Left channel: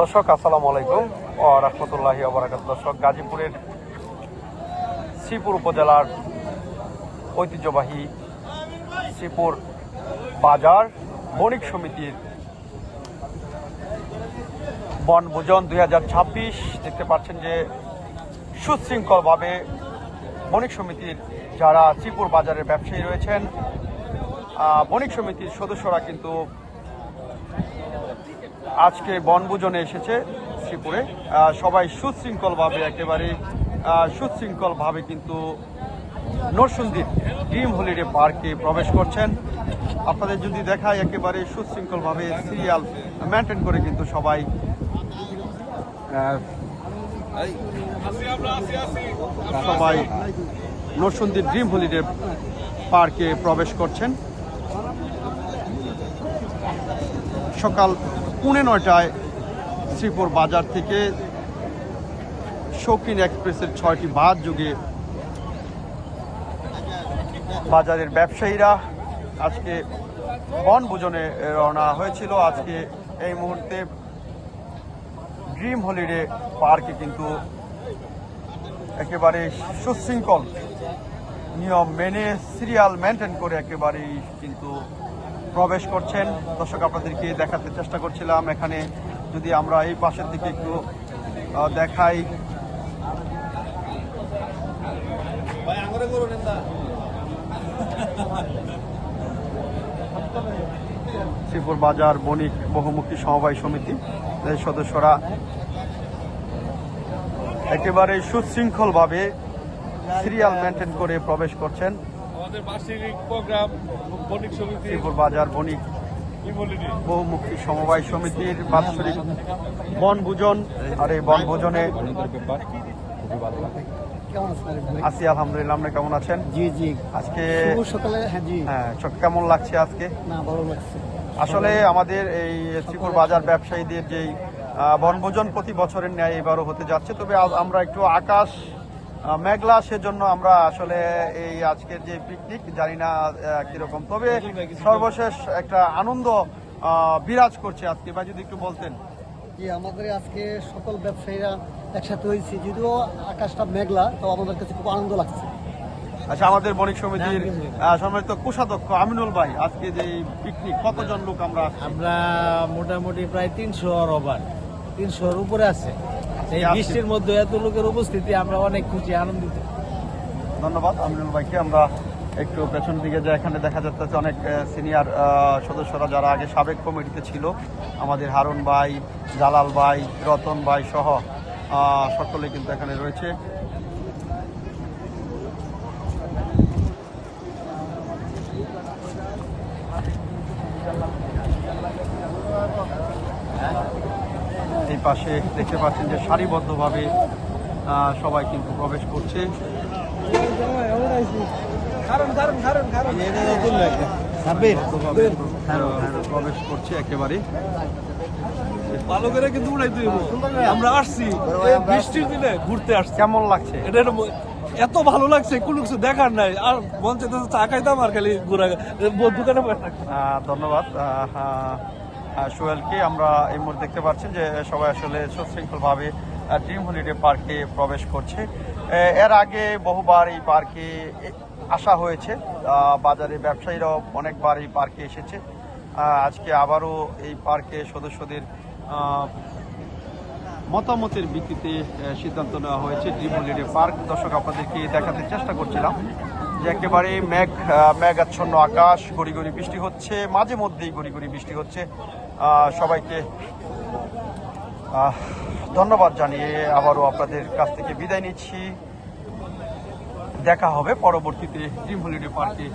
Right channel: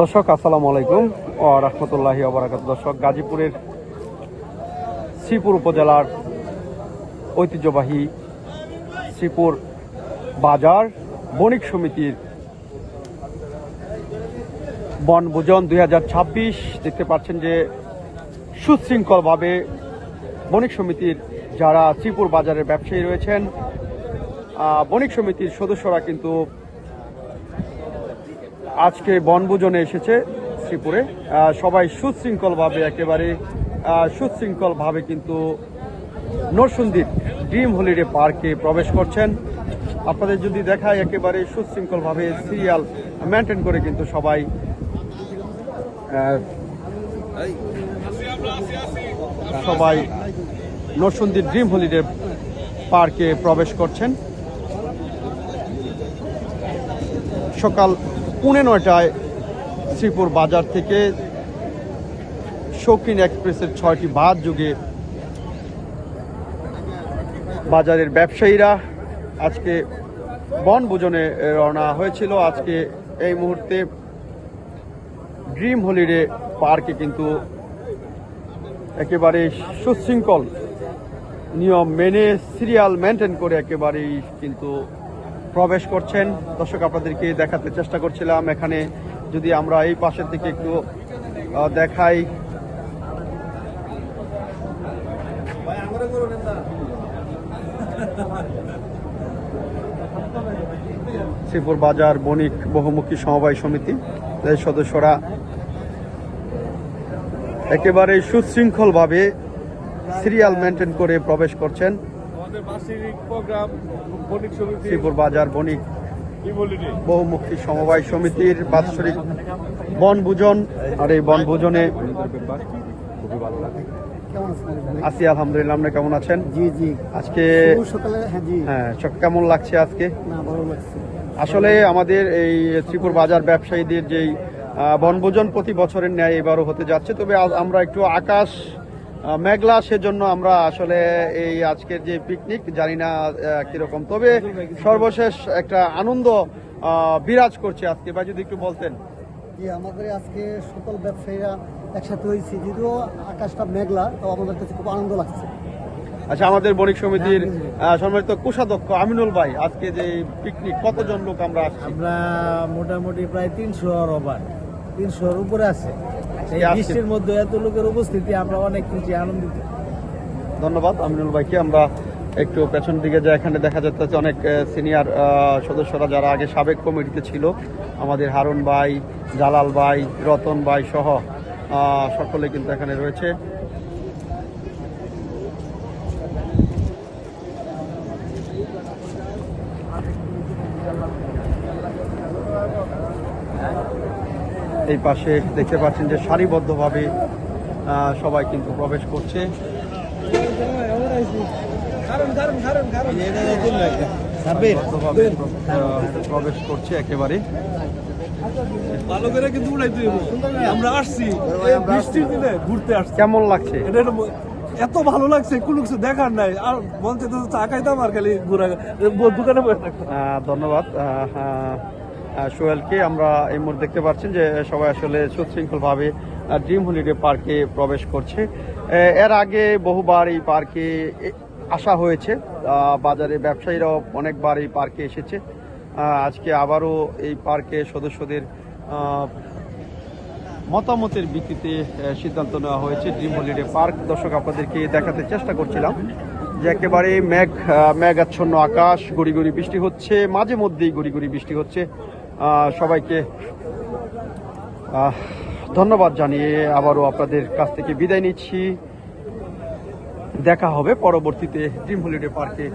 দর্শক আসসালামু আলাইকুম ও রহমতুল্লাহি ওয়া বারাকাতুহু। দর্শক, গাজীপুরের শ্রীপুর উপজেলার ঐতিহ্যবাহী শ্রীপুর বাজার বণিক সমিতির বনভোজন 2026 দেখতে পাচ্ছেন যে সুশৃঙ্খলভাবে বণিক সমিতির যারা শ্রীপুর বাজারের ব্যবসায়ী রয়েছেন, বণিক সমিতির সদস্যরা কিন্তু আজকে বনভোজনে এসেছে শ্রীপুরে। সবাই সুশৃঙ্খলভাবে কিন্তু নরসুন্দির ড্রিম হলিডে পার্কে প্রবেশ করছেন। আপনাদের যদি দেখায়, একেবারে সুশৃঙ্খলভাবে সিরিয়াল মেনটেন করে কিন্তু সবাই নরসুন্দির ড্রিম হলিডে পার্কে প্রবেশ করছেন। সকাল 9:30টায় শ্রীপুর বাজার থেকে শৌখিন এক্সপ্রেসের 6টি বাস যোগে বাজারের ব্যবসায়ীরা আজকে বনভোজনে রওনা হয়েছিল। আজকে এই মুহূর্তে ড্রিম হলিডে পার্কে কিন্তু একেবারে সুশৃঙ্খল নিয়ম মেনে সিরিয়াল মেনটেন করে একেবারেই কিন্তু প্রবেশ করছেন। দর্শক, আপনাদেরকে দেখাতে চেষ্টা করছিলাম। এখানে যদি আমরা এই পাশের দিকে একটু দেখাই, শ্রীপুর বাজার বণিক বহুমুখী সমবায় সমিতি এর সদস্যরা একেবারে সুশৃঙ্খলভাবে সিরিয়াল মেনটেন করে প্রবেশ করছেন। আমাদের বার্ষিক প্রোগ্রাম বণিক সমিতি শ্রীপুর বাজার বণিক বহুমুখী সমবায় সমিতির বাৎসরিক বনভোজন। আর এই বনভোজনে আছি আলহামদুলিল্লাহ। আপনি কেমন আছেন? জি জি, আজকে সকালে হ্যাঁ, কেমন লাগছে আজকে? না, ভালো লাগছে। আসলে আমাদের এই শ্রীপুর বাজার ব্যবসায়ীদের যেই বনভোজন প্রতি বছরের ন্যায় এবারও হতে যাচ্ছে। তবে আমরা একটু আকাশ মেঘলা, সেজন্য আমরা আসলে এই আজকের যে পিকনিক জানি না কিরকম, তবে সর্বশেষ একটা আনন্দ বিরাজ করছে আজকে। বা যদি একটু বলতেন। জি, আমাদের আজকে সকল ব্যবসায়ীরা একসাথে হয়েছি, যদিও আকাশটা মেঘলা, তো আমাদের কাছে খুব আনন্দ লাগছে। আচ্ছা, আমাদের বণিক সমিতির সম্মানিত কোষাধ্যক্ষ আমিনুল ভাই, আজকে যে পিকনিক কতজন লোক আমরা মোটামুটি প্রায় 300-300-র উপরে আছে। এই বৃষ্টির মধ্যে এত লোকের উপস্থিতি, আমরা অনেক খুশি, আনন্দিত। ধন্যবাদ আমিনুল ভাইকে। আমরা একটু পেছন দিকে যা, এখানে দেখা যাচ্ছে অনেক সিনিয়র সদস্যরা যারা আগে সাবেক কমিটিতে ছিল, আমাদের হারুন ভাই, জালাল ভাই, রতন ভাই সহ সকলে কিন্তু এখানে রয়েছে। এই পাশে দেখতে পাচ্ছেন যে সারিবদ্ধভাবে সবাই কিন্তু প্রবেশ করছে। প্রবেশ করছে একেবারে ভালো করে কিন্তু উড়াই দিব। আমরা আসছি বৃষ্টির দিনে ঘুরতে আসছি। কেমন লাগছে? এটা এত ভালো লাগছে, কোনো কিছু দেখার নাই। আর মন চাইতে চা খাইতাম আর খালি ঘোরা দোকানে বসে থাকতাম। ধন্যবাদ সোহেলকে। আমরা এই মুহূর্তে দেখতে পাচ্ছেন যে সবাই আসলে সুশৃঙ্খলভাবে ড্রিম হলিডে পার্কে প্রবেশ করছে। এর আগে বহুবার এই পার্কে আসা হয়েছে, বাজারে ব্যবসায়ীরাও অনেকবার এই পার্কে এসেছে। আজকে আবারও এই পার্কে সদস্যদের মতামতের ভিত্তিতে সিদ্ধান্ত নেওয়া হয়েছে ড্রিম হলিডে পার্ক। দর্শক, আপনাদেরকে দেখাতে চেষ্টা করছিলাম যে একেবারে মেঘাচ্ছন্ন আকাশ, গড়ি গড়ি বৃষ্টি হচ্ছে, মাঝে মধ্যেই গড়ি গড়ি বৃষ্টি হচ্ছে। সবাইকে ধন্যবাদ জানিয়ে আবারও আপনাদের কাছ থেকে বিদায় নিচ্ছি। দেখা হবে পরবর্তীতে ড্রিম হলিডে পার্কে।